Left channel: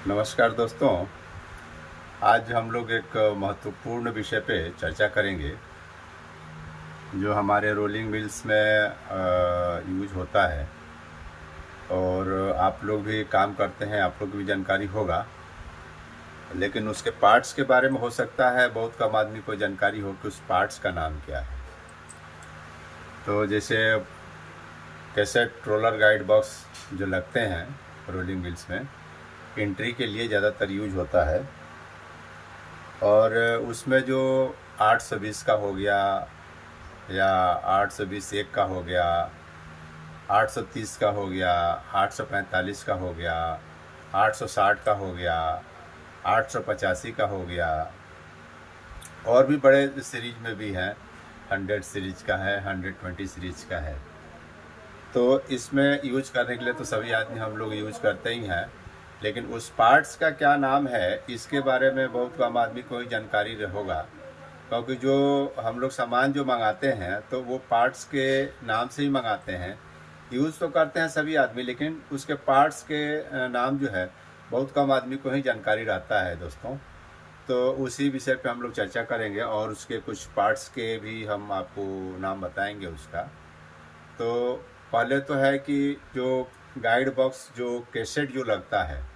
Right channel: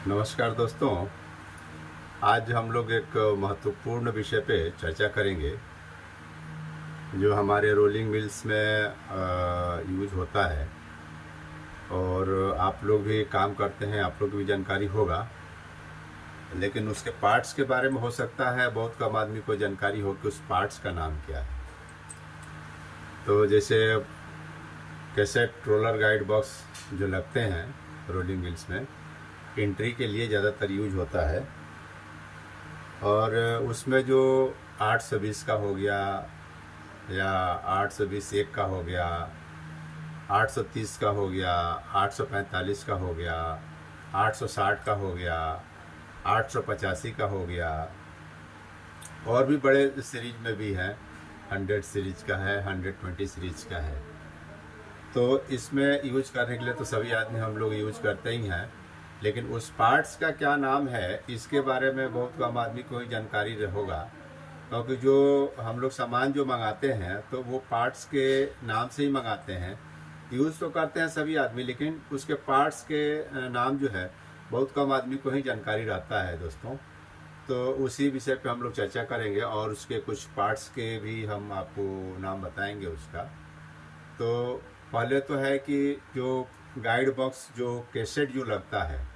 नमस्कार दोस्तों। आज हम लोग एक महत्वपूर्ण विषय पे चर्चा करेंगे जो हमारे रोलिंग मिल्स में यूज होता है। और आप लोग भी काम करते हैं, आप लोग भी जानकारी होगा, लेकिन उसके पार्ट्स के बारे में हो सकता है बहुत कम आदमी को जानकारी हो कि उस पार्ट्स का नाम क्या है। तो जैसे कैसेट रोलर गाइड बॉक्स जो लगते हैं रोलिंग मिल्स में, एंट्री के लिए ज़्यादातर यूज होता है। और उसमें जो 820 का हो गया या 820 एक का हो गया, 830 का हो गया, 845 का हो गया, 860 का हो गया, 885 का हो गया, और भी बड़े सीरीज में भी हैं। 100 सीरीज का है, 120 सीरीज का है। तो इसमें यूज करने के लिए तो सभी आदमी हम लोग यूज करते ही हैं, लेकिन उस पार्ट्स का क्या नाम है इसके बारे में बहुत कम आदमी को ही जानकारी होगा। क्योंकि जो हम लोग सामान जो मंगाते हैं तो वो पार्ट्स के नाम से ही मंगाते हैं। यूज़ तो करते हैं सभी आदमी, लेकिन उसके पार्ट्स के नाम जो है बहुत कम आदमी को ही जानकारी रहता है दोस्तों। तो उसी विषय पे हम लोग चर्चा करेंगे और उसके कुछ पार्ट्स के भी हम आपको नाम बताएंगे उसका। तो पहले तो है कि जो गाइड बॉक्स जो कैसेट जो लगता है,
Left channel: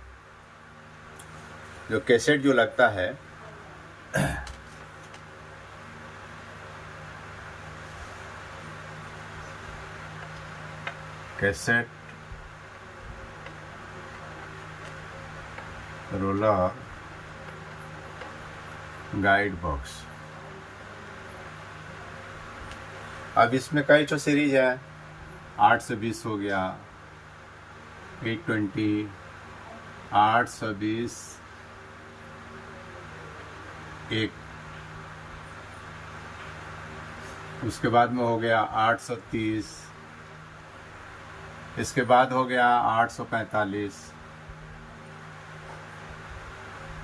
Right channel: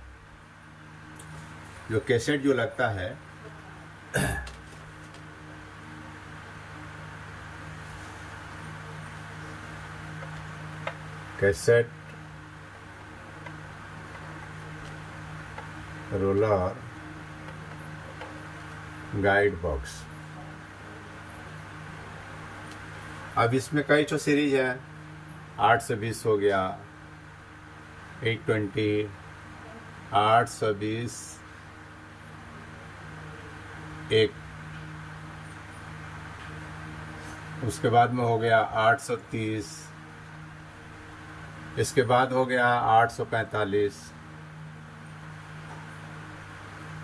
कैसेट रोलर गाइड बॉक्स, अब इसमें कई तो सीरीज है। 820 हो गया, 820, 820 एक, उसके बाद में हो गया 830, इसके बाद हो गया 845,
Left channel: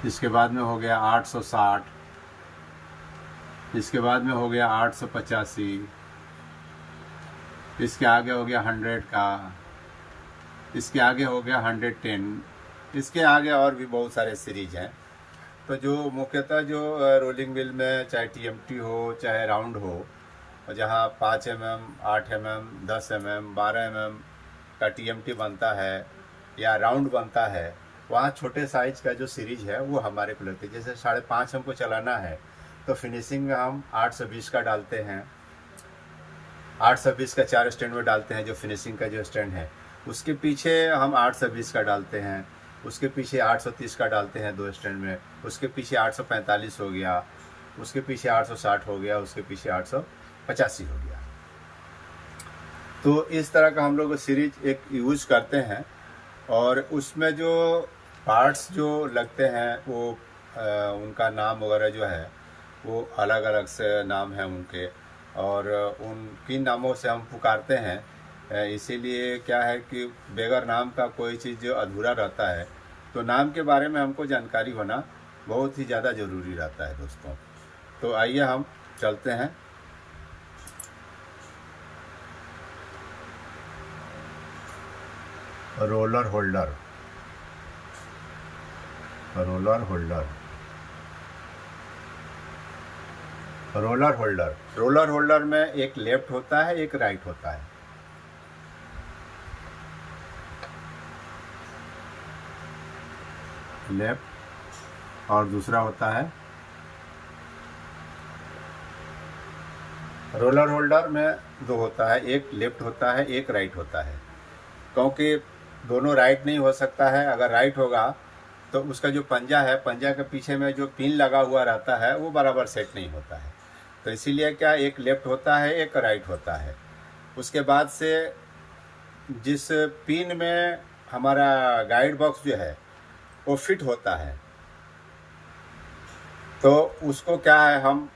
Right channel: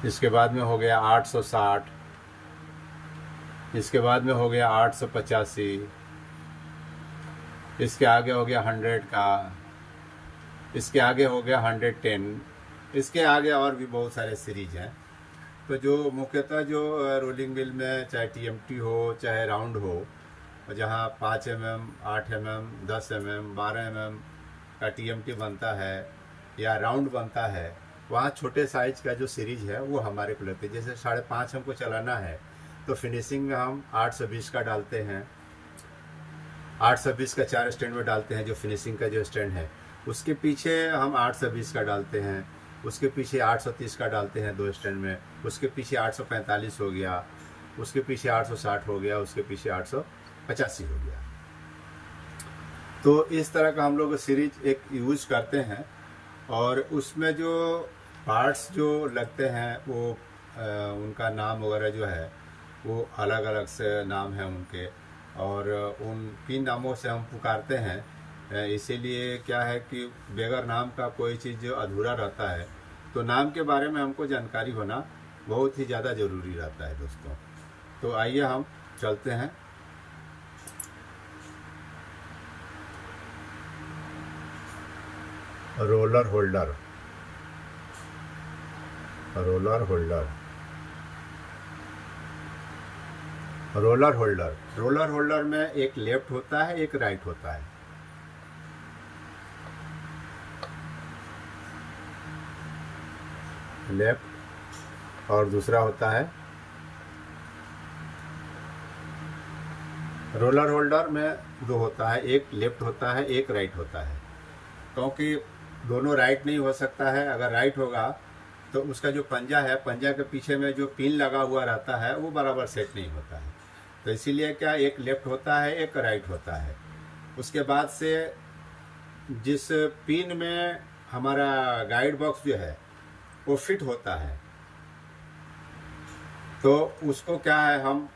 इसके बाद में हो गया 860, इसके बाद में हो गया 885, इसके आगे हो गया 100 का, इसके आगे हो गया 110, इसके आगे और भी बहुत सारे सीरीज हैं। तो जो मुख्यतः जो रोलिंग मिल में चाहे टीएमटी हो चाहे राउंड हो, जहाँ 5 mm, 8 mm, 10 mm, 12 mm का टीएमटी बनता है या राउंड बनता है, वहाँ छोटे साइज का जो सीरीज है वो हमारे को लगती है। जैसे 5.5 हमको चलाना है तो फिनिशिंग में हम 820 का डालते हैं। 820 का 4 स्टैंड में डालते हैं, जो फिनिशिंग का जो स्टैंड है उसके पीछे हम 820 का डालते हैं, उसके पीछे 830 का डालते हैं 2 स्टैंड में, उसके पीछे 845 हो गया, उसके पीछे 860 हो गया, उसके पीछे 885 हो गया। तो इस तरह का हम लोग सीरीज एक यूज करते हैं। और उसमें जो पार्ट्स जो लगते हैं वो उनका नाम वगैरह जो है वो अलग अलग से नाम है उनके, और उन किन नामों से हम पुकारते हैं। इसीलिए क्या है कि बगैर नाम का कोई चीज़ जो अधूरा रहता है, तो नाम के बारे में हमको जानकारी होना बहुत ही ज़्यादा ज़रूरी रहता है दोस्तों। तो आइए हम चलते हैं। Roller holder, roller holder, roller holder, roller holder में एक लेफ्ट होता है, एक राइट होता है। लेफ्ट और दूसरा होता है। रोलर होल्डर में दो होता है, एक लेफ्ट होता है, एक राइट होता है। क्योंकि दोनों राइट नहीं हो सकता है। अगर राइट होगा तो उसका जो पंजा है, पंजा के पीछे में जो पिन लगा हुआ रहता है वो बराबर सेट नहीं होता है। तो इसीलिए क्या, एक लेफ्ट होता है, एक राइट होता है। उसके बाद से जिस पिन में हमारा गाइड बॉक्स जो है वो फिट होता है, तो उसको क्या है, हम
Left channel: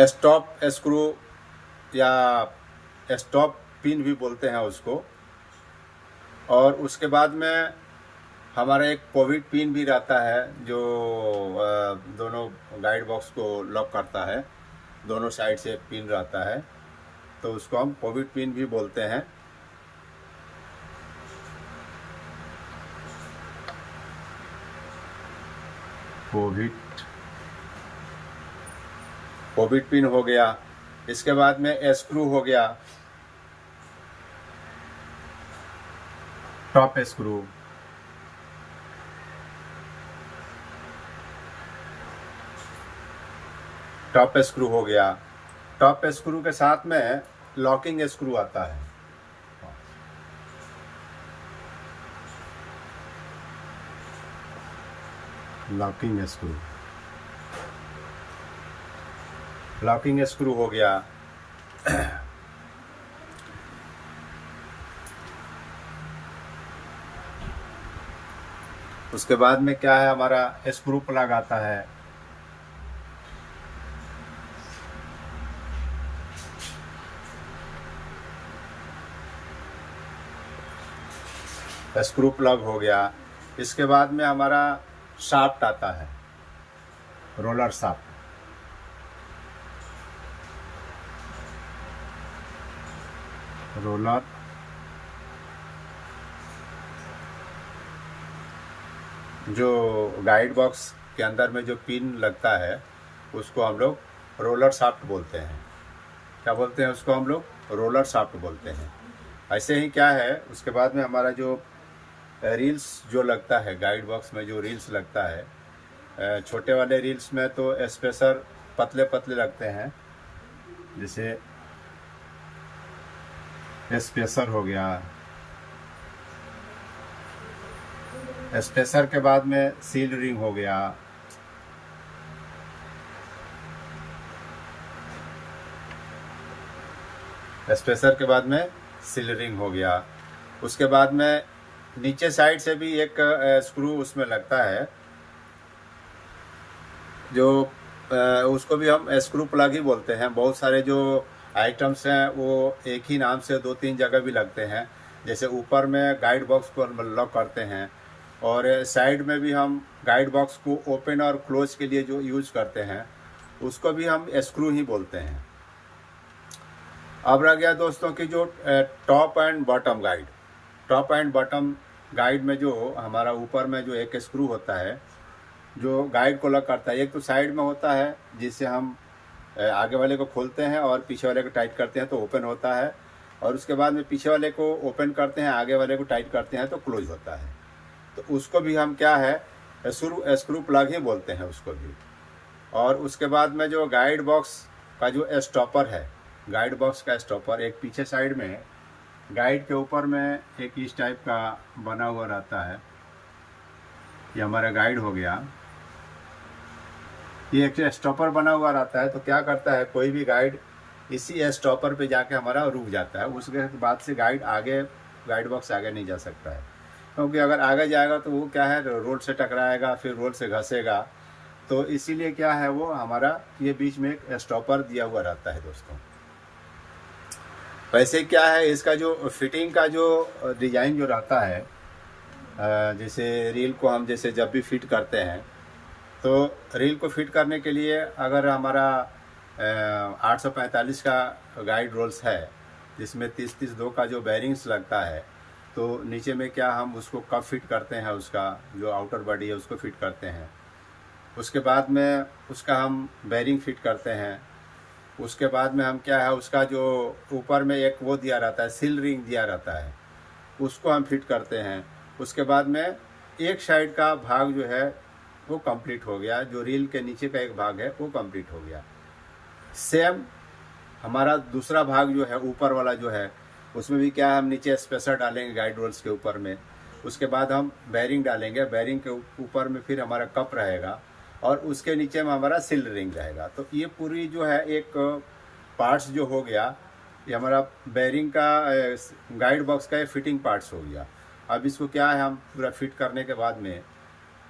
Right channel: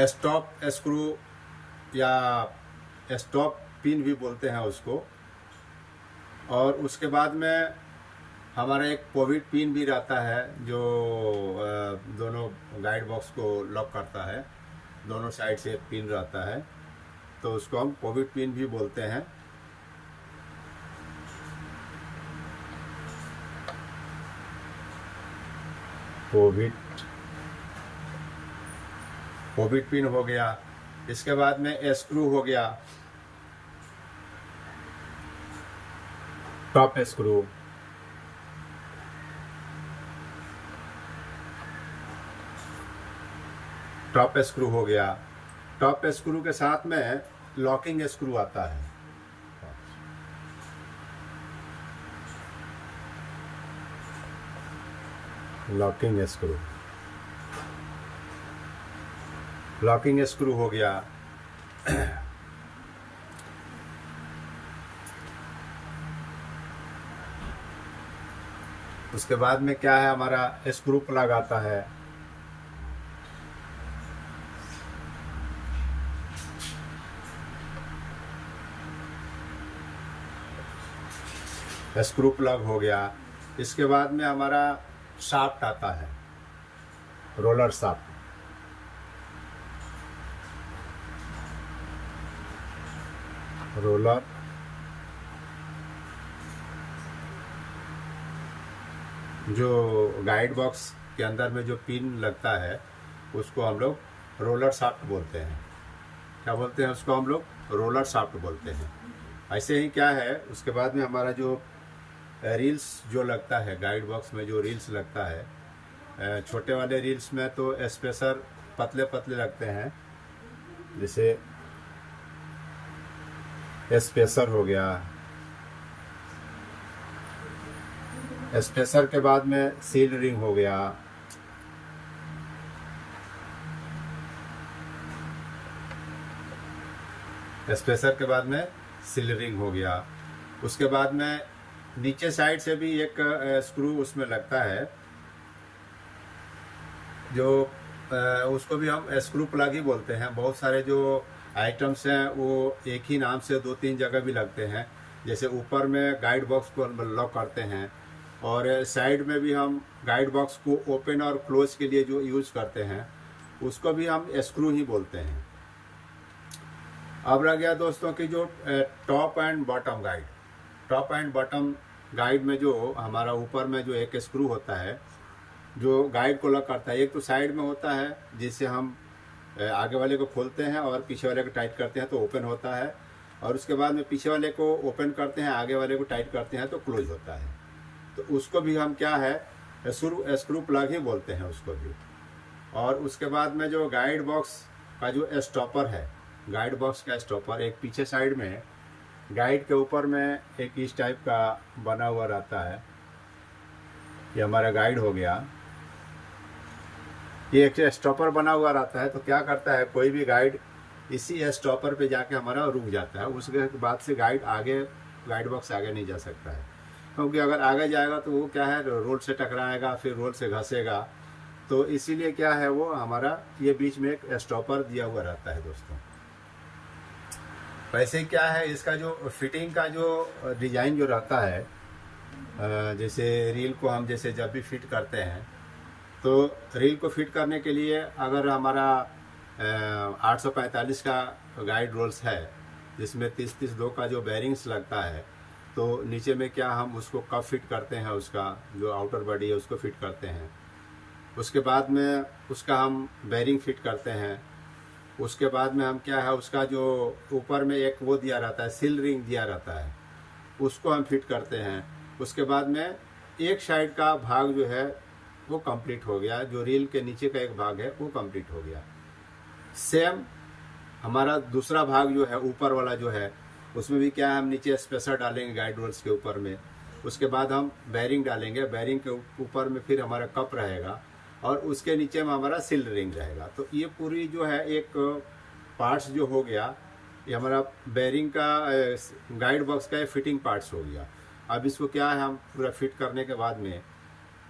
स्टॉप स्क्रू या स्टॉप पिन भी बोलते हैं उसको। और उसके बाद में हमारा एक कोविड पिन भी रहता है जो दोनों गाइड बॉक्स को लॉक करता है, दोनों साइड से पिन रहता है, तो उसको हम कोविड पिन भी बोलते हैं। पोविट पिन हो गया। इसके बाद में स्क्रू हो गया, टॉप स्क्रू, टॉप स्क्रू हो गया। टॉप स्क्रू के साथ में लॉकिंग स्क्रू आता है। लॉकिंग स्क्रू हो गया। उसके बाद में क्या है, हमारा स्क्रू प्लग आता है। स्क्रू प्लग हो गया। इसके बाद में हमारा शाफ्ट आता है, रोलर शाफ्ट। रोलर जो गाइड बॉक्स के अंदर में जो पिन लगता है उसको हम लोग रोलर शाफ्ट बोलते हैं। क्या बोलते हैं उसको? हम लोग रोलर शाफ्ट बोलते हैं। ऐसे ही क्या है, उसके बाद में हमारा जो रील्स जो लगता है, गाइड बॉक्स में जो रील्स लगता है, छोटे वाले रील्स में तो स्पेसर पतले पतले लगते हैं, जैसे स्पेसर हो गया। स्पेसर के बाद में सील रिंग हो गया। स्पेसर के बाद में सील रिंग हो गया। उसके बाद में नीचे साइड से भी एक स्क्रू उसमें लगता है, जो उसको भी हम स्क्रू प्लग ही बोलते हैं। बहुत सारे जो आइटम्स हैं वो एक ही नाम से 2-3 जगह भी लगते हैं। जैसे ऊपर में गाइड बॉक्स को लॉक करते हैं, और साइड में भी हम गाइड बॉक्स को ओपन और क्लोज के लिए जो यूज करते हैं उसको भी हम स्क्रू ही बोलते हैं। अब रह गया दोस्तों की जो top and bottom guide. Top and bottom guide में जो हमारा ऊपर में जो एक स्क्रू होता है जो गाइड को लॉक करता है, एक तो साइड में होता है जिससे हम आगे वाले को खोलते हैं और पीछे वाले को टाइट करते हैं तो ओपन होता है, और उसके बाद में पीछे वाले को ओपन करते हैं, आगे वाले को टाइट करते हैं तो क्लोज होता है। तो उसको भी हम क्या है, स्क्रू प्लग ही बोलते हैं उसको भी। और उसके बाद में जो गाइड बॉक्स का जो स्टॉपर है, गाइड बॉक्स का स्टॉपर एक पीछे साइड में गाइड के ऊपर में एक इस टाइप का बना हुआ रहता है। ये हमारा गाइड हो गया, ये एक स्टॉपर बना हुआ रहता है। तो क्या करता है, कोई भी गाइड इसी स्टॉपर पे जाके हमारा रुक जाता है। उसके बाद से गाइड बॉक्स आगे नहीं जा सकता है, क्योंकि अगर आगे जाएगा तो वो क्या है, रोड से टकराएगा, फिर रोड से घसेगा। तो इसीलिए क्या है, वो हमारा ये बीच में एक स्टॉपर दिया हुआ रहता है दोस्तों। वैसे क्या है, इसका जो फिटिंग का जो डिज़ाइन जो रहता है, जैसे रील को हम जैसे जब भी फिट करते हैं तो रील को फिट करने के लिए अगर हमारा 845 का गाइड रोल्स है जिसमें 30-32 का जो बैरिंग्स लगता है, तो नीचे में क्या हम उसको कब फिट करते हैं, उसका जो आउटर बॉडी है उसको फिट करते हैं। उसके बाद में उसका हम बैरिंग फिट करते हैं। उसके बाद में हम क्या है, उसका जो ऊपर में एक वो दिया रहता है, सील रिंग दिया रहता है, उसको हम फिट करते हैं। उसके बाद में एक साइड का भाग जो है वो कंप्लीट हो गया, जो रील के नीचे का एक भाग है वो कंप्लीट हो गया। सेम हमारा दूसरा भाग जो है ऊपर वाला जो है, उसमें भी क्या है, हम नीचे स्पेसर डालेंगे गाइड रोल्स के ऊपर में। उसके बाद हम बैरिंग डालेंगे, बैरिंग के ऊपर में फिर हमारा कप रहेगा, और उसके नीचे में हमारा सील रिंग रहेगा। तो ये पूरी जो है एक पार्ट्स जो हो गया, ये हमारा बैरिंग का गाइड बॉक्स का फिटिंग पार्ट्स हो गया। अब इसको क्या है, हम पूरा फिट करने के बाद में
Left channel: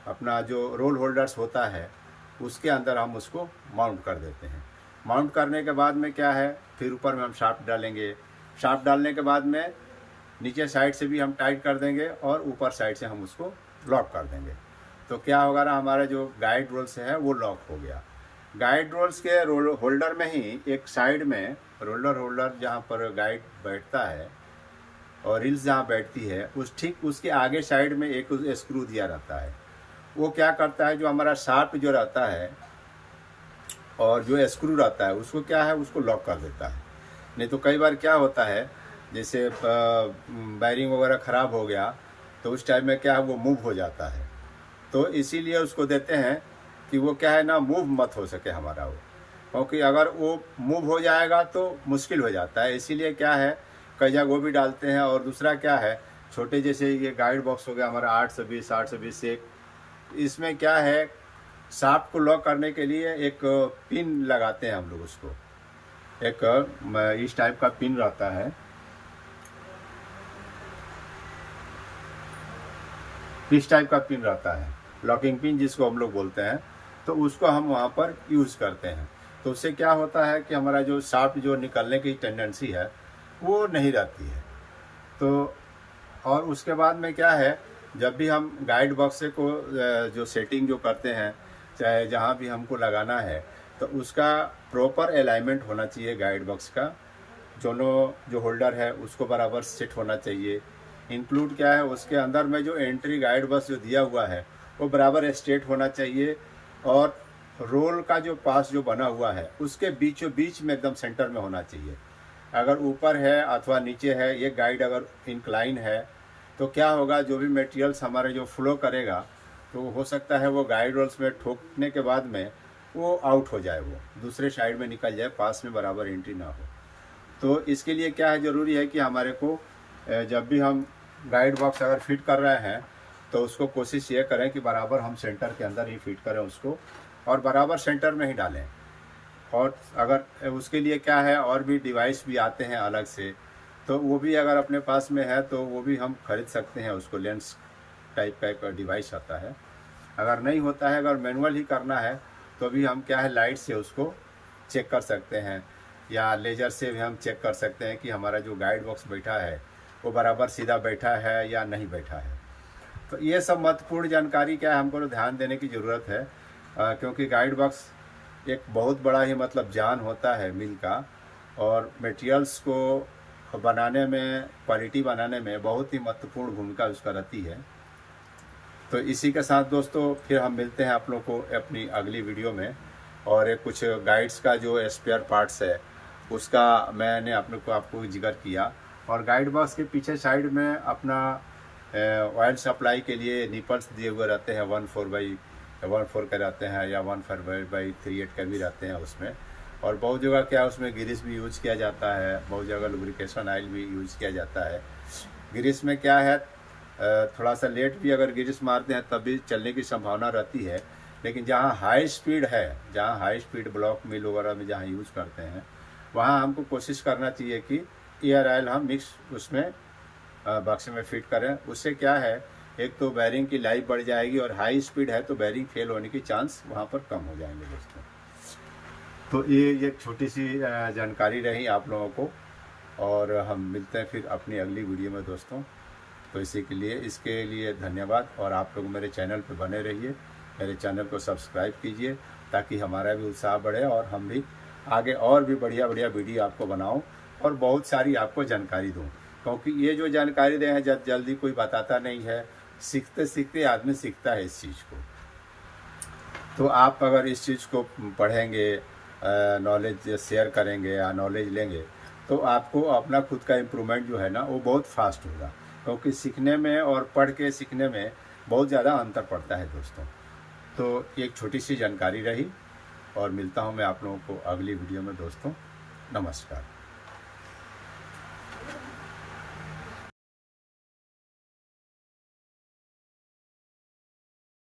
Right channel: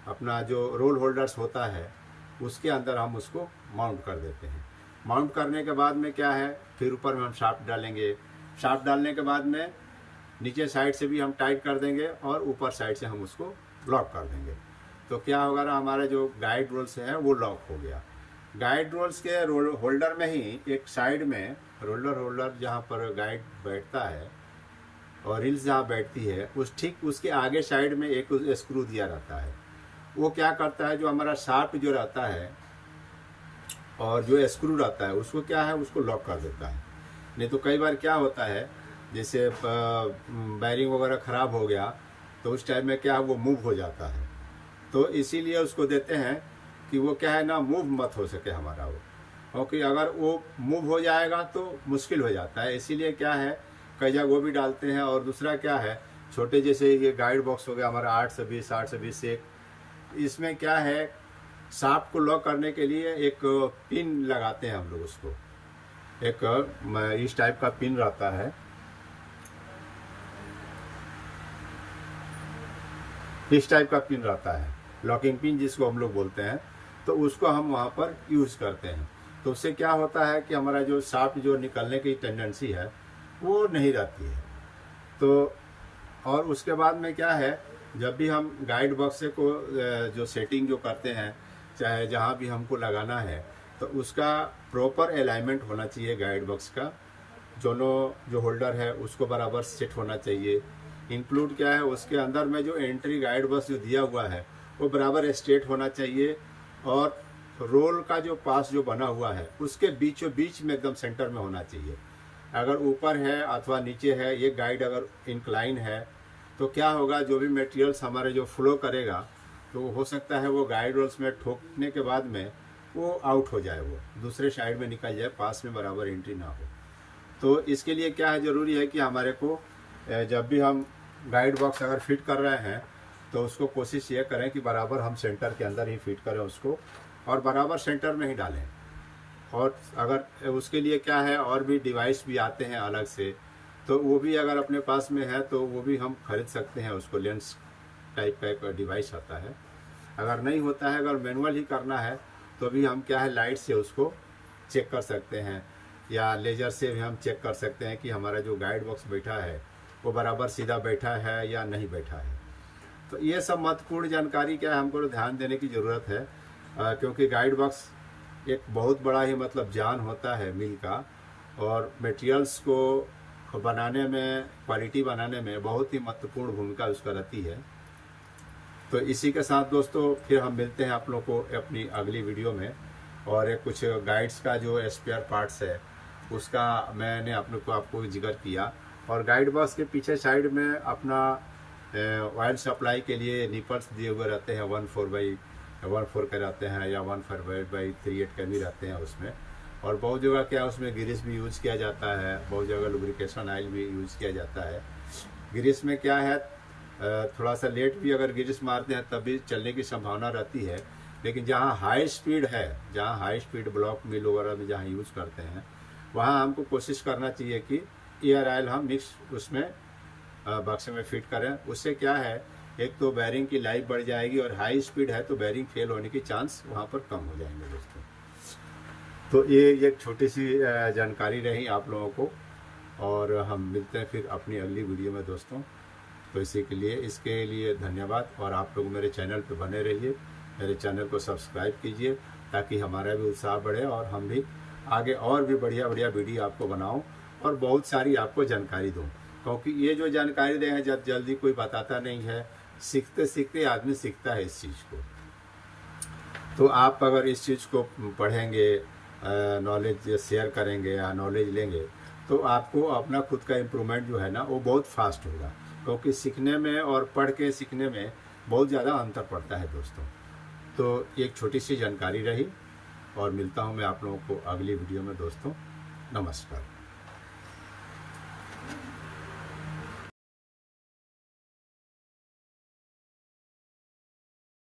अपना जो रोल होल्डर्स होता है उसके अंदर हम उसको माउंट कर देते हैं। माउंट करने के बाद में क्या है, फिर ऊपर में हम शाफ्ट डालेंगे। शाफ्ट डालने के बाद में नीचे साइड से भी हम टाइट कर देंगे और ऊपर साइड से हम उसको लॉक कर देंगे। तो क्या होगा ना, हमारा जो गाइड रोल्स है वो लॉक हो गया। गाइड रोल्स के होल्डर में ही एक साइड में होल्डर जहाँ पर गाइड बैठता है और रील्स जहाँ बैठती है, उस ठीक उसके आगे साइड में एक स्क्रू दिया रहता है। वो क्या करता है, जो हमारा शाफ्ट जो रहता है और जो स्क्रू रहता है उसको क्या है, उसको लॉक कर देता है। नहीं तो कई बार क्या होता है, जैसे बैरिंग वगैरह ख़राब हो गया तो उस टाइम में क्या है, वो मूव हो जाता है। तो इसीलिए उसको देते हैं कि वो क्या है ना, मूव मत हो सके हमारा वो, क्योंकि अगर वो मूव हो जाएगा तो मुश्किल हो जाता है। इसीलिए क्या है, कई जगह वो भी डालते हैं। और दूसरा क्या है, छोटे जैसे ये गाइड बॉक्स हो गया हमारा 820 से, इसमें क्या है, सांप को लॉक करने के लिए एक पिन लगाते हैं हम लोग उसको। एक इस टाइप का पिन रहता है, इस टाइप का पिन रहता है, लॉकिंग पिन जिसको हम लोग बोलते हैं। तो उसको हम वहाँ पर यूज़ करते हैं। तो उससे क्या होता है कि हमारा जो शाफ्ट जो निकलने की टेंडेंसी है वो नहीं रहती है। तो और उसके बाद में क्या है, जब भी हम गाइड बॉक्स को जो सेटिंग जो करते हैं, चाहे जहाँ भी हमको लगाना है, तो उसका प्रॉपर अलाइनमेंट होना चाहिए। गाइड बॉक्स का दोनों जो होल्डर है उसको बराबर सेट होना चाहिए। इंक्लूड क्या है, उसके अंदर में जो एंट्री गाइड बॉक्स जो दिया हुआ है वो बराबर स्ट्रेट होना चाहिए। और रोल का जो पास जो बना हुआ है उसके बीचों बीच में एकदम सेंटर में होना चाहिए। अगर ऊपर है अथवा नीचे है, ये गाइड अगर इंक्लाइन है तो क्या होगा, जो भी मटेरियल्स हमारे जो फ्लो करेगा तो हो सकता है वो गाइड रोल्स में ठोकने के बाद में वो आउट हो जाए, वो दूसरे साइड में निकल जाए, पास में बराबर एंट्री ना हो। तो इसके लिए क्या है, ज़रूरी है कि हमारे को जब भी हम गाइड बॉक्स अगर फिट कर रहे हैं तो उसको कोशिश ये करें कि बराबर हम सेंटर के अंदर ही फिट करें उसको, और बराबर सेंटर में ही डालें। और अगर उसके लिए क्या है, और भी डिवाइस भी आते हैं अलग से, तो वो भी अगर अपने पास में है तो वो भी हम खरीद सकते हैं। उसको लेंस टाइप का एक डिवाइस आता है। अगर नहीं होता है, अगर मैनुअल ही करना है तो भी हम क्या है, लाइट से उसको चेक कर सकते हैं, या लेज़र से भी हम चेक कर सकते हैं कि हमारा जो गाइड बॉक्स बैठा है वो बराबर सीधा बैठा है या नहीं बैठा है। तो ये सब महत्वपूर्ण जानकारी क्या है, हमको ध्यान देने की ज़रूरत है, क्योंकि गाइड बॉक्स एक बहुत बड़ा ही मतलब जान होता है मिल का, और मटेरियल्स को बनाने में, क्वालिटी बनाने में बहुत ही महत्वपूर्ण भूमिका उसका रहती है। तो इसी के साथ दोस्तों फिर हम मिलते हैं आप लोगों को अपनी अगली वीडियो में। और एक कुछ गाइड्स का जो स्पेयर पार्ट्स है उसका मैंने आपको जिक्र किया। और गाइड बॉक्स के पीछे साइड में अपना ऑयल सप्लाई के लिए निपल्स दिए हुए रहते हैं, 1/4 के रहते हैं, या 1/3/8 के भी रहते हैं उसमें। और बहुत जगह क्या उसमें ग्रीस भी यूज़ किया जाता है, बहुत जगह लुब्रिकेशन ऑयल भी यूज़ किया जाता है। ग्रीस में क्या है, थोड़ा सा लेट भी अगर ग्रीस मारते हैं तब भी चलने की संभावना रहती है। लेकिन जहाँ हाई स्पीड है, जहाँ हाई स्पीड ब्लॉक मिल वगैरह में जहाँ यूज़ करते हैं, वहाँ हमको कोशिश करना चाहिए कि एयर ऑयल हम मिक्स उसमें बक्से में फिट करें। उससे क्या है, एक तो बैरिंग की लाइफ बढ़ जाएगी, और हाई स्पीड है तो बैरिंग फेल होने की चांस वहाँ पर कम हो जाएंगे दोस्तों। तो ये एक छोटी सी जानकारी रही आप लोगों को, और हम मिलते हैं फिर अपनी अगली वीडियो में दोस्तों। तो इसके लिए धन्यवाद। और आप लोग मेरे चैनल पे बने रहिए, मेरे चैनल को सब्सक्राइब कीजिए, ताकि हमारा भी उत्साह बढ़े और हम भी आगे और भी बढ़िया बढ़िया वीडियो आपको बनाऊं और बहुत सारी आपको जानकारी दूं। क्योंकि ये जो जानकारी दे हैं जल्दी कोई बताता नहीं है, सीखते सीखते आदमी सीखता है इस चीज़ को। तो आप अगर इस चीज़ को पढ़ेंगे, नॉलेज शेयर करेंगे या नॉलेज लेंगे, तो आपको अपना खुद का इम्प्रूवमेंट जो है ना वो बहुत फास्ट होगा। क्योंकि सीखने में और पढ़ के सीखने में बहुत ज़्यादा अंतर पड़ता है दोस्तों। तो एक छोटी सी जानकारी रही, और मिलता हूँ मैं आप लोगों को अगली वीडियो में दोस्तों। नमस्कार।